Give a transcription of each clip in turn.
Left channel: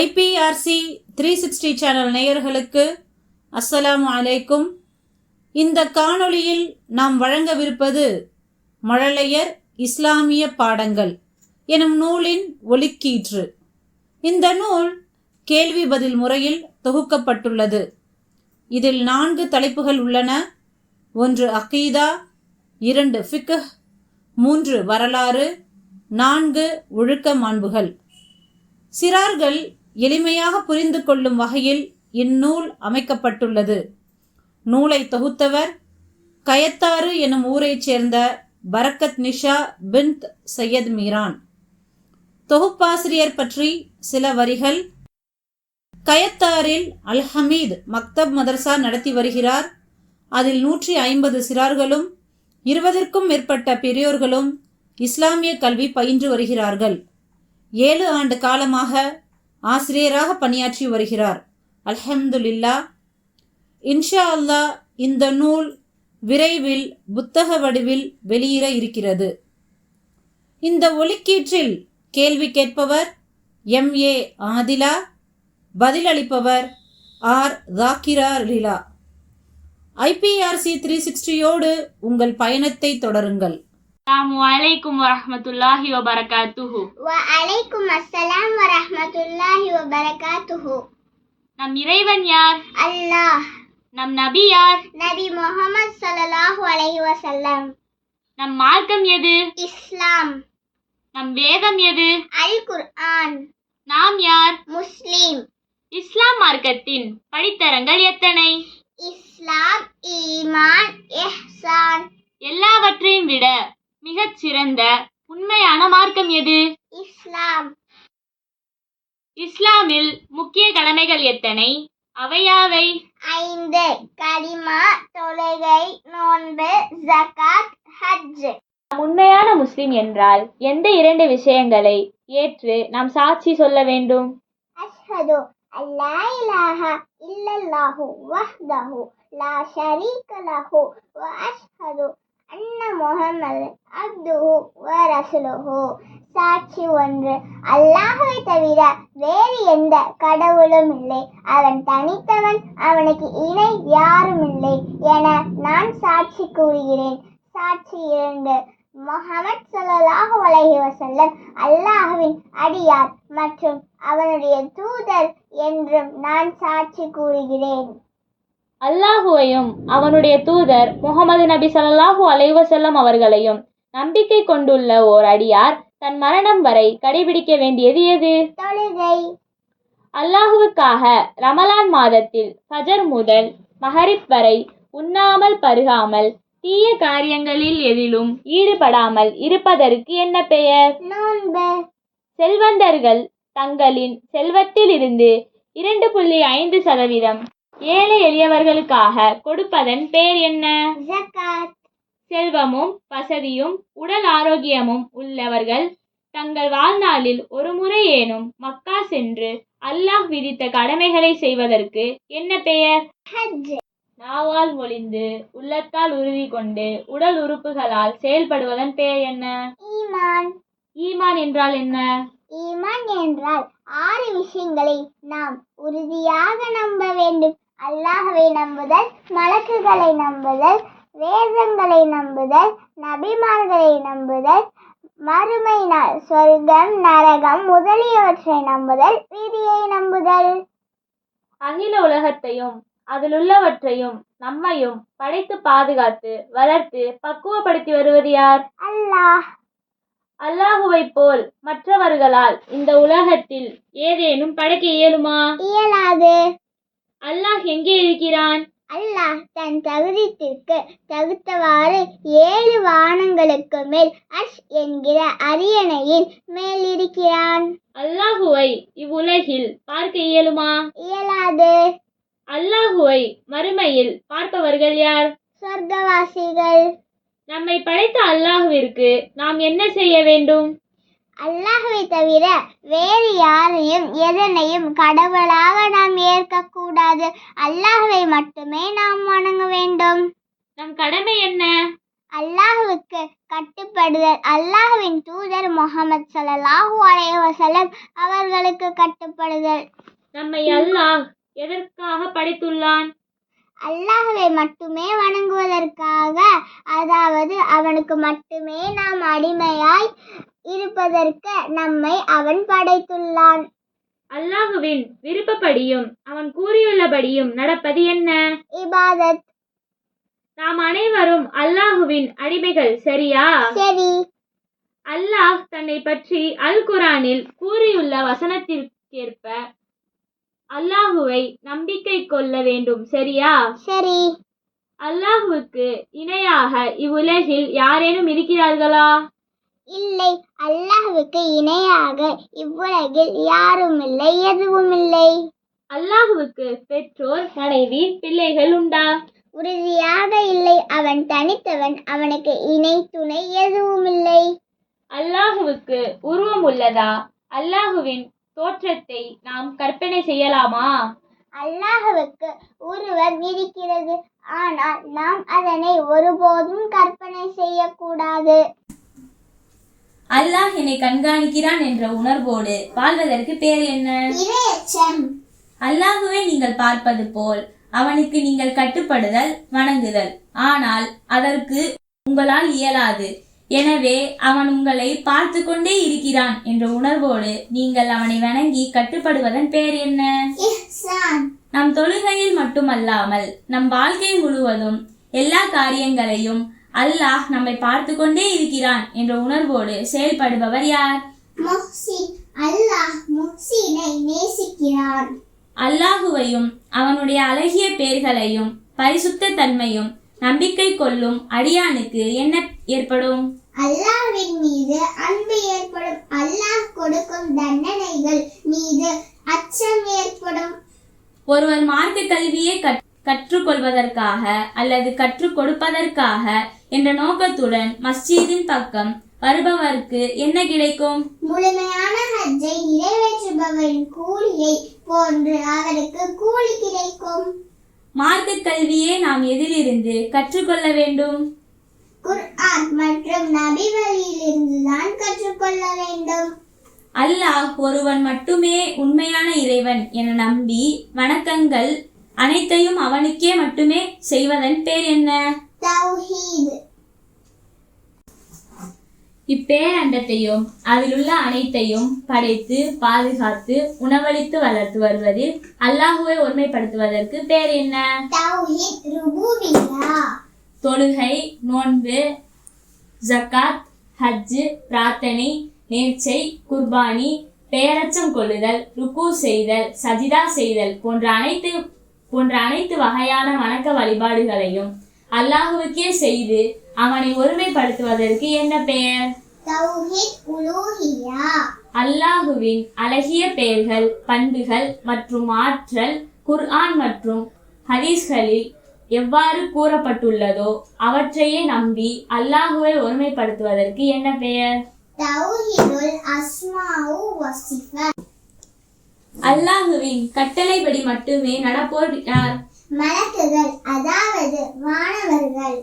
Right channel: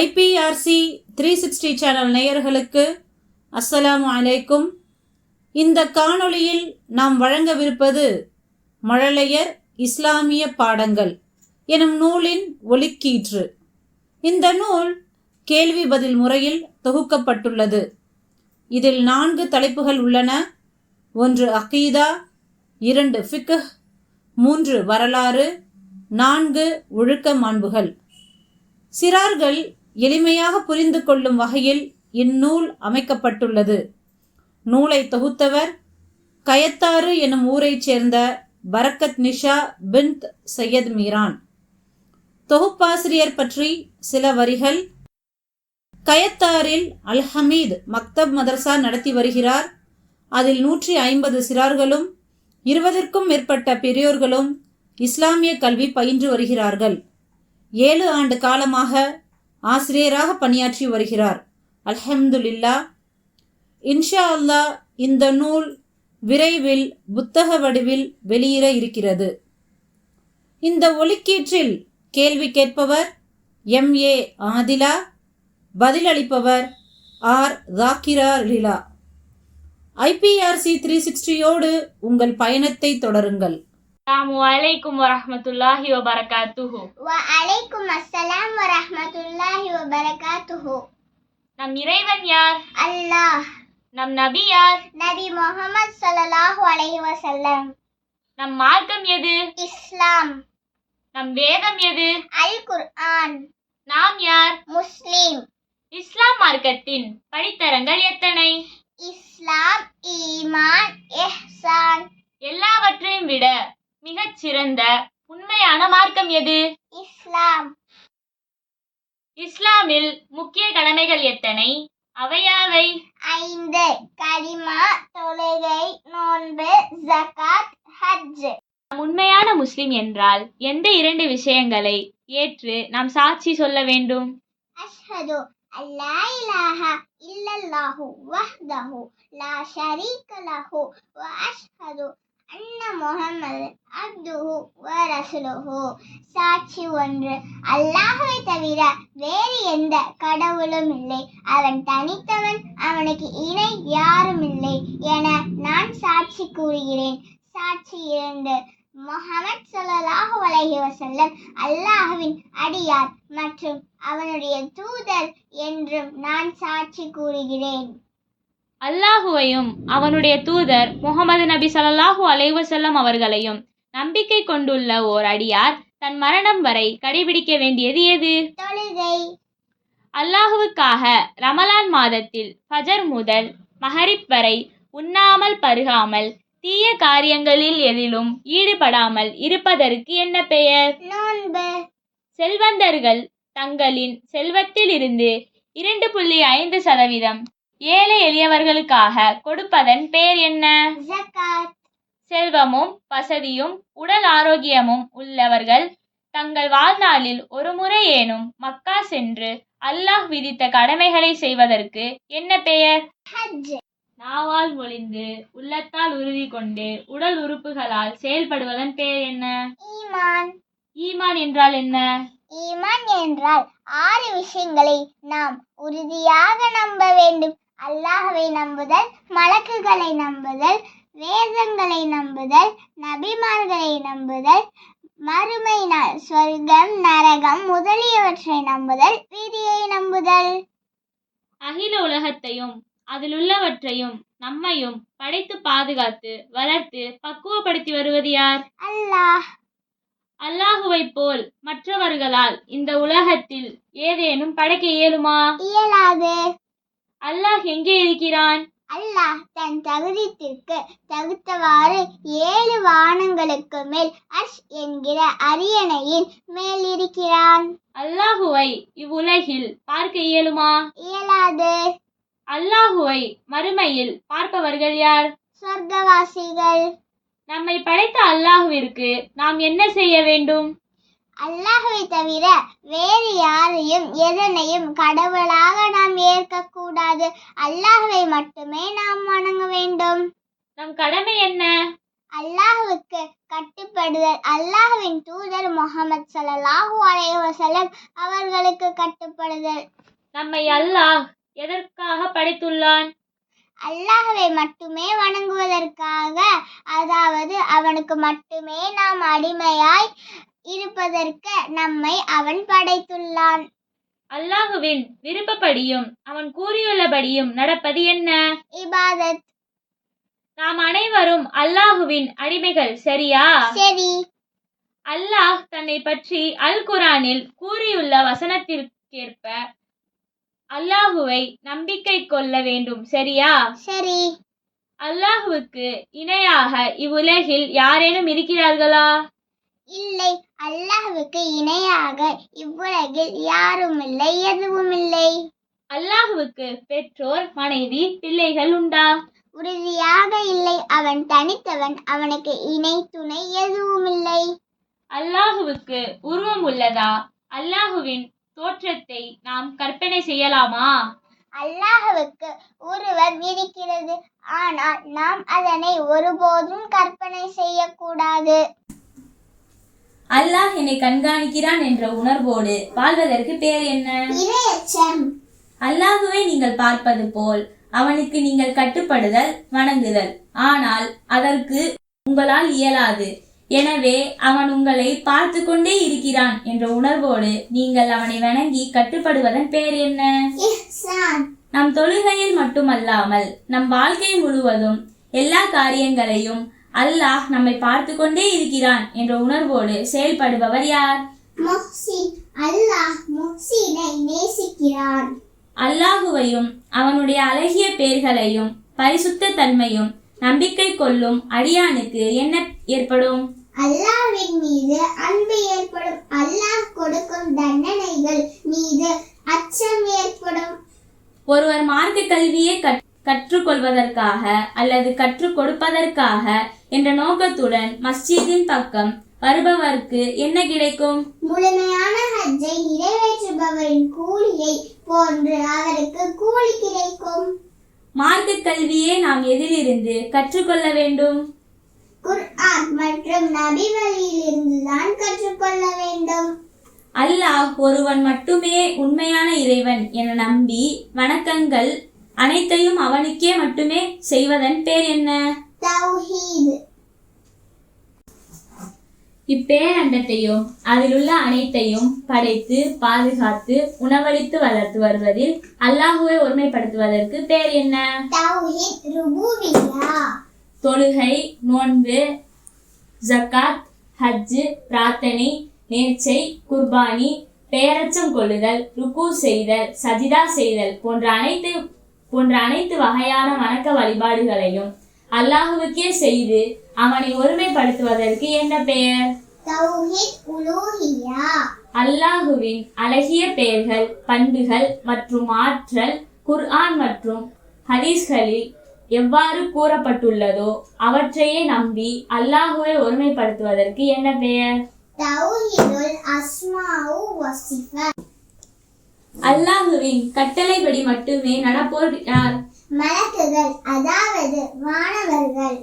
IPRC three sixty channel நேயர்களுக்கு அஸ்ஸலாமு அலைக்கும். இந்த காணொளியில் நாம் வழங்கவிருப்பது மழலையர் இஸ்லாமிய பாடங்கள் எனும் நூலின் ஒலிக்கீற்று. இந்த நூல் கேள்வி பதில் முறையில் தொகுக்கப்பட்டுள்ளது. இதில் நான்கு தலைப்புகள் உள்ளன. ஒன்று அகீதா இரண்டு ஃபிக்ஹ் மூன்று வரலாறு நான்கு ஒழுக்க மாண்புகள். சிறார்கள் எளிமையாக புரிந்து கொள்ளும் வகையில் இந்நூல் அமைக்கப்பட்டுள்ளது. நூலை தொகுத்தவர் கயத்தாறு எனும் ஊரைச் சேர்ந்த பரக்கத் நிஷா பின்த் சையத் மீரான். தொகுப்பாசிரியர் பற்றி சில வரிகள். கயத்தாரில் அல்ஹமீத் மக்தப் மதர்சா நடத்தி வருகிறார். அதில் நூற்றி ஐம்பது சிறார்களும் இருபதற்கும் மேற்பட்ட பெரியோர்களும் இஸ்லாமிய கல்வி பயின்று வருகிறார்கள். ஏழு ஆண்டு காலமாக ஆசிரியராக பணியாற்றி வருகிறார். அல்ஹம்துலில்லா. இன்ஷா அல்லாஹ் இந்த நூல் விரைவில் புத்தக வடிவில் வெளியிட இருக்கிறது. இந்த ஒலிக்கீற்றில் கேள்வி கேட்பவர் M. A. Adhila பதிலளிப்பவர் R. Thakira Leela. IPRC three சிக்ஸ்டியோடு உங்கள் பயணத்தை தொடருங்கள். அஸ்ஸலாமு அலைக்கும் வரஹ்மத்துல்லாஹி வபரகாத்துஹு. வலைக்கும் அஸ்ஸலாம் வரஹ்மத்துல்லாஹி வபரகாத்துஹு. நம் இறைவன் யார்? அல்லாஹ். நம் நபி யார்? நபி முஹம்மது ஸல்லல்லாஹு அலைஹி வஸல்லம். நம் மார்க்கம் எது? இஸ்லாம். நம் வேதம் எது? அல் குர்ஆன் நாம் யார்? முஸ்லிம். இஸ்லாம் மார்க்கத்தின் படித்தரங்கள் எத்தனை? இஸ்லாம் ஈமான் இஹ்சான். எல்லாவற்றையும் விட மிகச் சிறந்த உண்மையான மார்க்கம் எது இஸ்லாம் இஸ்லாமில் முக்கிய கடமைகள் எத்தனை? அவையாவை. ஐந்து. கலிமா தொழுகை நோன்பு ஜகாத் ஹஜ் உண்மையான முஸ்லிம் என்றால் எந்த இரண்டு விஷயங்களை ஏற்று நாம் சாட்சி சொல்ல வேண்டும்? அஷ்ஹது அல்லா இலாஹ இல்லல்லாஹு வஹ்தஹு லா ஷரீக லஹு வ அஷ்ஹது அண்ணா முகமது அப்துஹு வ ரசூலுஹு. சாட்சி ஒன்று. அல்லாஹுவை தவிர வேறு எந்த கடவுளும் இல்லை. அவன் தனித்தவன் அவனுக்கு இணை யாரும் இல்லை என நான் சாட்சி கூறுகிறேன். சாட்சி இரண்டு. முகமது சொல்லலாஹு அலைஹி வசல்லம் அல்லாஹ்வின் அடியார் மற்றும் அவனுடைய தூதர் என்றும் நான் சாட்சி கூறுகிறேன். அல்லாஹுவையும் அவனுடைய தூதர் முகமது நபி ஸல்லல்லாஹு அலைஹி வஸல்லம் அவர்களையும் நம்பிக்கை கொண்டுள்ள ஓர் அடியார் தன் மரணம் வரை கடைபிடிக்க வேண்டியது எது? அல்லாஹுவுக்காக ரமலான் மாதத்தில் ஃபஜர் முதல் மஹரிப் வரை உண்ணாமல் பருகாமல் தீய காரியங்களில் எதிலும் ஈடுபடாமல் இருப்பதற்கு என்ன பெயர்? செல்வந்தர்கள் தங்களின் செல்வத்தில் இருந்து இரண்டு புள்ளி ஐந்து சதவீதம் ஏழை எளியவர்களுக்காக கொடுப்பதன் பெயர் என்ன? செல்வமும் வசதியும் உடல் ஆரோக்கியமும் உள்ளவர்கள் தங்கள் வாழ்நாளில் ஒரு முறையேனும் மக்கா சென்று அல்லாஹ் விதித்த கடமைகளை செய்வதற்கு என்ன பெயர்? நாவால் மொழிந்து உள்ளத்தால் உறுதி கொண்டு உடல் உறுப்புகளால் செயல்படுவதன் பெயர் என்ன? ஈமான். ஈமான் என்றால் என்ன? ஈமான் என்றால் ஆறு விஷயங்களை நாம் உறுதியாக நம்ப வேண்டும். அல்லாஹ்வை நம்புதல் மலக்குகளை நம்புதல் வேதங்களை நம்புதல் நபிமார்களை நம்புதல் மறுமை சொர்க்கம் நரகம் முதலியவற்றை நம்புதல் விதியை நம்புதல். அகில உலகத்தையும் அதிலுள்ளவற்றையும் நம்மையும் படைத்து பாதுகாத்து வளர்த்து பக்குவப்படுத்தி வருவது யார்? அல்லாஹ். அல்லாஹுவைப் போல் மற்றவர்களால் இந்த உலகத்தில் ஏதேனும் படைக்க இயலுமா? இயலாது. அல்லாஹ் எங்கே இருக்கிறான்? அல்லாஹ் தன் தகுதித்திற்கு தகுத்தவாறு ஏழு வானங்களுக்கு மேல் அஷ் என்கிற அரியணையின் மேல் இருக்கிறான். அல்லாஹுவை இவ்வுலகில் பார்க்க இயலுமா? இயலாது. அல்லாஹுவை மறுமையில் பார்ப்பவர்கள் யார்? சொர்க்கவாசிகள். நம்மை படைத்த அல்லாஹுவிற்கு நாம் என்ன செய்ய வேண்டும்? அல்லாஹ்வை தவிர வேறு யாரையும் ஏற்கக்கூடாது அல்லாஹ்வை மட்டுமே நாம் வணங்க வேண்டும். நம் கடமை என்ன? அல்லாஹ்வுக்கு கட்டுப்படுதல். அல்லாஹ்வின் தூதர் முகமது அலைஹி வஸல்லம் அவர்களுக்கு கட்டுப்படுதல். நம்மை அல்லாஹ் எதற்காக படைத்துள்ளான்? அல்லாஹ்வை மட்டுமே வணங்குவதற்காக அதாவது அவனுக்கு மட்டுமே நாம் அடிமையாய் இருப்பதற்கு நம்மை அவன் படைத்துள்ளான். அல்லாஹுவின் விருப்பப்படியும் அவன் கூறியுள்ளபடியும் நடப்பது என்ன? இபாதத். நாம் அனைவரும் அல்லாஹுவின் அடிமைகள் சரியா? சரி. அல்லாஹ் தன்னை பற்றி அல் குரானில் கூறியுள்ள வசனத்திற்கேற்ப அல்லாஹுவை நம்பிக்கை கொள்ள வேண்டும் சரியா? சரி. அல்லாஹுவுக்கு இணையாக இவ்வுலகில் யாரேனும் இருக்கிறார்களா? இல்லை அல்லாஹ்வுக்கு இணையாக இவ்வுலகில் யாரும் இல்லை எதுவும் இல்லை அல்லாஹுவுக்கு பெற்றோர் மனைவி பிள்ளைகள் உண்டா? உறுதியாக இல்லை அவன் தனித்தவன் அவனுக்கு இணை துணை எதுவும் இல்லை அல்லாஹுவுக்கு உருவம் உள்ளதா அல்லாஹுவின் தோற்றத்தை நாம் கற்பனை செய்யலாமா? அல்லாஹ்வுக்கு உருவம் இருக்கிறது ஆனால் நாம் அதனை ஒருபோதும் கற்பனை செய்யக்கூடாது. அல்லாஹ் என்னை கண்காணிக்கிறான் என்ற உணர்வோடு. வாழ்வதற்கு பேர் என்ன? அல்லாஹுவை நீங்கள் பார்ப்பது போல் அவனுக்கு நீங்கள் கட்டுப்படுதல் வணங்குதல். ஆனால் அதற்கு உங்களால் இயலாது. எனவே அவன் உங்களை பார்த்து கொண்டே இருக்கிறான் என்ற உணர்வோடு நீங்கள் அவனை வணங்கி கட்டுப்படுவதன் பெயர் என்ன? நம் தொழுகையில் மட்டுமல்லாமல் நம் வாழ்க்கை முழுவதும் எல்லா காரியங்களையும் அல்லாஹ் நம்மை பார்த்து கொண்டே இருக்கிறான் என்ற உணர்வோடு செயல்படுபவர் யார்? அல்லாஹ் முஹ்சினை நேசிக்கிறான். அல்லாஹுவையும் அவனுடைய அழகிய பெயர்களையும் பரிசுத்த தன்மையும் நம்பிக்கை கொள்ளும் அடியானுக்கு என்ன ஏற்படும்? அல்லாஹ்வின் மீது அன்பு ஏற்படும். அல்லாஹ் கொடுக்கும் தண்டனைகள் மீது அச்சம் ஏற்படும். ஒருவர் மார்க்க கல்வியை கற்- கற்றுக்கொள்வதற்காக அல்லது கற்றுக் கொடுப்பதற்காக என்ற நோக்கத்துடன் மஸ்ஜிதின் பக்கம் வருபவருக்கு என்ன கிடைக்கும்? முழுமையான ஹஜ்ஜை நிறைவேற்றுபவரின் கூலியை போன்று அவருக்கு கூலி கிடைக்கும். மார்க்க கல்வியை நாம் எதிலிருந்து கற்றுக்கொள்ள வேண்டும்? குர்ஆன் மற்றும் நபி வழியிலிருந்து தான் கற்றுக்கொள்ள வேண்டும். அல்லாஹ் ஒருவன் மட்டுமே உண்மையான இறைவன் என நம்பி வணக்கங்கள் அனைத்தையும் அவனுக்கே மட்டுமே செய்வதன் பேர் என்ன? இப்பேரண்டத்தையும் அதிலுள்ள அனைத்தையும் படைத்து பாதுகாத்து உணவளித்து வளர்த்து வருவதில் அல்லாஹுவை ஒருமைப்படுத்துவதற்கு பேர் என்ன? தொழுகை நோன்பு ஜக்காத் ஹஜ்ஜு பிரார்த்தனை நேர்ச்சை குர்பானி பெயரச்சம் கொள்ளுதல் ருக்கு செய்தல் சஜிதா செய்தல் போன்ற அனைத்து போன்ற அனைத்து வகையான வணக்க வழிபாடுகளையும் அல்லாஹுவுக்கே செய்து அவனை ஒருமைப்படுத்துவதற்கு என்ன பெயர்? அல்லாஹுவின் அழகிய பெயர்கள் பண்புகள் மற்றும் ஆற்றல் குர்ஆன் மற்றும் ஹதீஸ்களில் எவ்வாறு கூறப்பட்டுள்ளதோ அவற்றையே நம்பி அல்லாஹுவை ஒருமைப்படுத்துவதற்கு என்ன பெயர்? அல்லாஹுவின் கட்டளைப்படி மட்டுமே நடப்போர் யார்? மலக்குகள் அதாவது வானவர்கள்.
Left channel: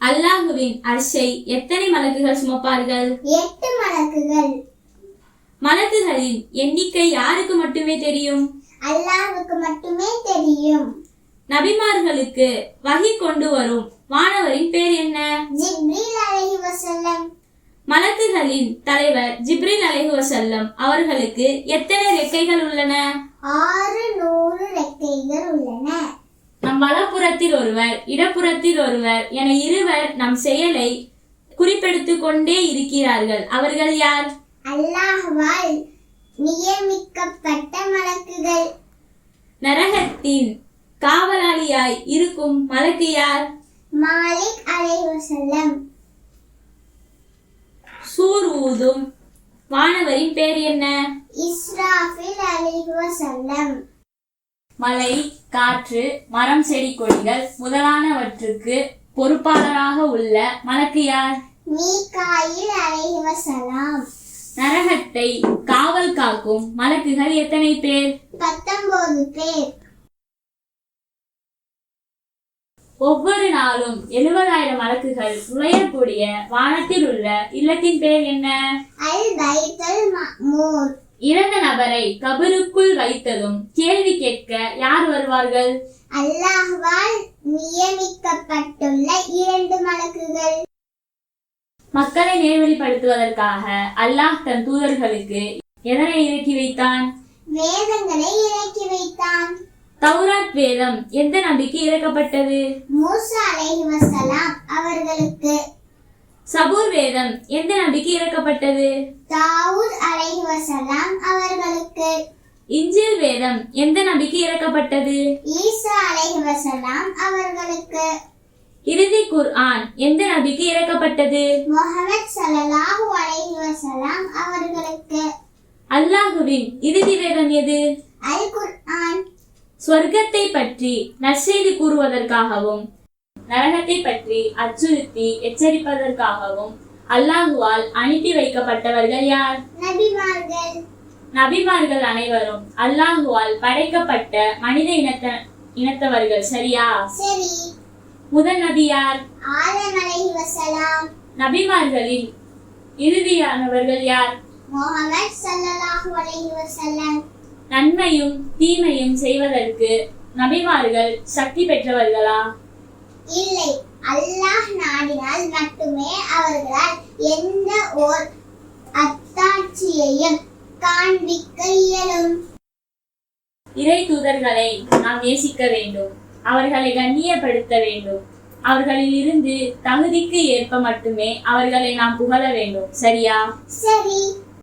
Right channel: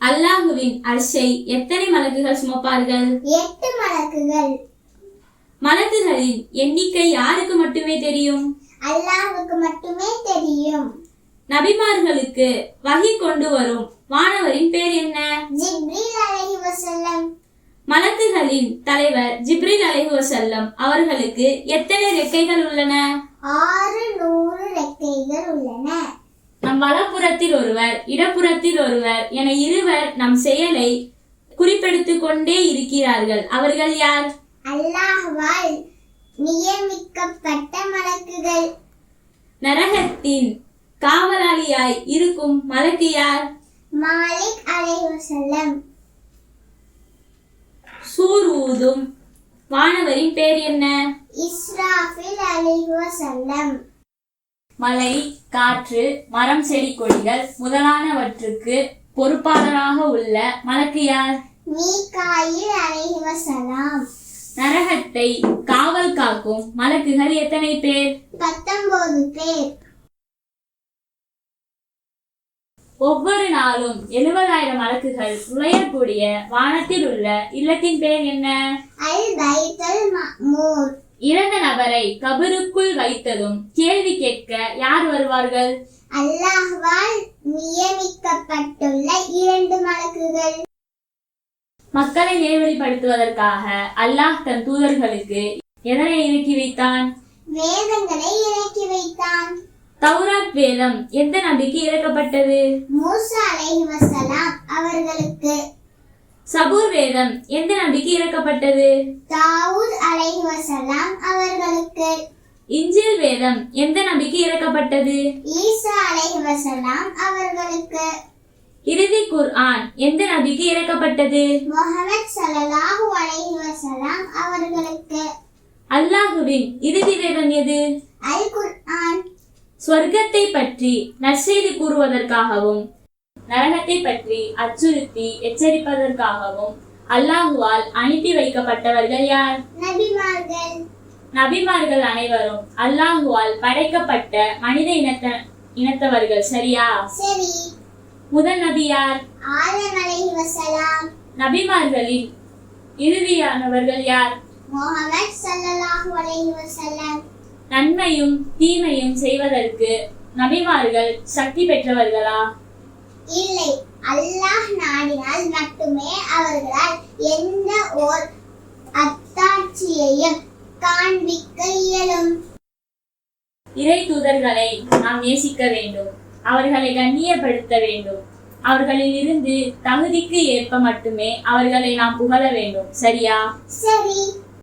அல்லாஹுவின் அர்ஷை எத்தனை மலக்குகள் சுமப்பார்கள்? எட்டு மலக்குகள். மலக்குகளின் எண்ணிக்கை யாருக்கு மட்டுமே தெரியும்? அல்லாஹ்வுக்கு மட்டுமே தெரியும். நபிமார்களுக்கு வகி கொண்டு வரும் வானவரின் பேர் என்ன? ஜிப்ரீல் அலைஹி வஸல்லம். மலக்குகளின் தலைவர் ஜிப்ரில் அலைஹி வஸல்லம் அவர்களுக்கு எத்தனை ரெக்கைகள் உள்ளன? ஆறு நூறு ரெக்கைகள் உள்ளன. நம் வலப்புறத்தில் ஒருவர் இடப்புறத்தில் ஒருவர் என இருவர் நம் செயலை குறிப்பெடுத்துக் கொண்டே இருக்கிறார்கள். அவர்கள் யார்? அல்லாஹ்வால் நியமிக்கப்பட்ட மலக்குகள். நரகத்தின் காவலாளியாய் இருக்கும் மலக்கு யார்? மாலிக் அலைஹி வஸல்லம் சூர் ஊதும் வானவரின் பேர் என்ன? இஸ்ராஃபில் அலைஹி வஸல்லம். மலை காற்று மரம் செடி கொடிகள் முதலானவற்றுக்கு பொறுப்பாளராக உள்ள மலக்கு யார்? மீகாயில் அலைஹி வஸலாம் நரகத்தை காவல் காக்கும் மலக்குகள் எத்தனை பேர்? பத்தொன்பது பேர். ஒவ்வொரு நாளும் எழுபதாயிரம் மலக்குகள் நுழையக்கூடிய வானத்தில் உள்ள இல்லத்தின் பெயர் என்ன? இறந்த நபரை கபருக்குள் வைத்ததும் கேள்வி கேட்க யார் வருவார்கள்? அல்லாஹ்வால் நியமிக்கப்பட்டுள்ள இரண்டு மலக்குகள். மக்களை நேர்வழிப்படுத்துவதற்காக அல்லாஹ் தன் தூதர்களுக்கு எதனை இறக்கி வைத்தான்? வேதங்களை இறக்கி வைத்தான். தௌராத் வேதம் எந்த நபிக்கு இறக்கப்பட்டது மூசா அலைஹி வஸலாம் அவர்களுக்கு. சபூர் வேதம் எந்த நபிக்கு இறக்கப்பட்டது தாவூத் அலைஹி வஸலாம் அவர்களுக்கு. இஞ்சில் வேதம் எந்த நபிக்கு இறக்கப்பட்டது ஈசா அலைஹி வஸலாம் அவர்களுக்கு. இறுதி குர்ஆன் எந்த நபிக்கு இறக்கப்பட்டது முஹம்மது ஸல்லல்லாஹு அலைஹி வஸலாம் அவர்களுக்கு. அல்லாஹுவின் இறுதி வேதம் எது? அல் குர்ஆன் சொர்க்கத்தை பற்றி நற்செய்தி கூறுவதற்காகவும் நரகத்தை பற்றி அச்சுறுத்தி எச்சரிப்பதற்காகவும் அல்லாஹுவால் அனுப்பி வைக்கப்பட்டவர்கள் யார்? நபிமார்கள். நபிமார்கள் அனைவரும் அல்லாஹுவால் படைக்கப்பட்ட மனித இனத்த இனத்தவர்கள் சரியா? சரி. முதல் நபி யார்? நபிமார்களில் இறுதியானவர்கள் யார்? முஹம்மது ஸல்லல்லாஹு அலைஹி வஸல்லம். நன்மையும் தீமையும் செய்வதற்கு நபிமார்கள் சக்தி பெற்றவர்களா? இல்லை. அல்லாஹ் நாடினால் மட்டுமே அவர்களால் எந்த ஓர் அத்தாட்சியையும் காண்பிக்க இயலும். இறை தூதர்களை நாம் நேசிக்க வேண்டும். அவர்களை கண்ணியப்படுத்த வேண்டும். அவர்களில் இருந்து தகுதிக்கு ஏற்ப மட்டுமே அவர்களை நாம் புகழ வேண்டும். சரியா? சரி.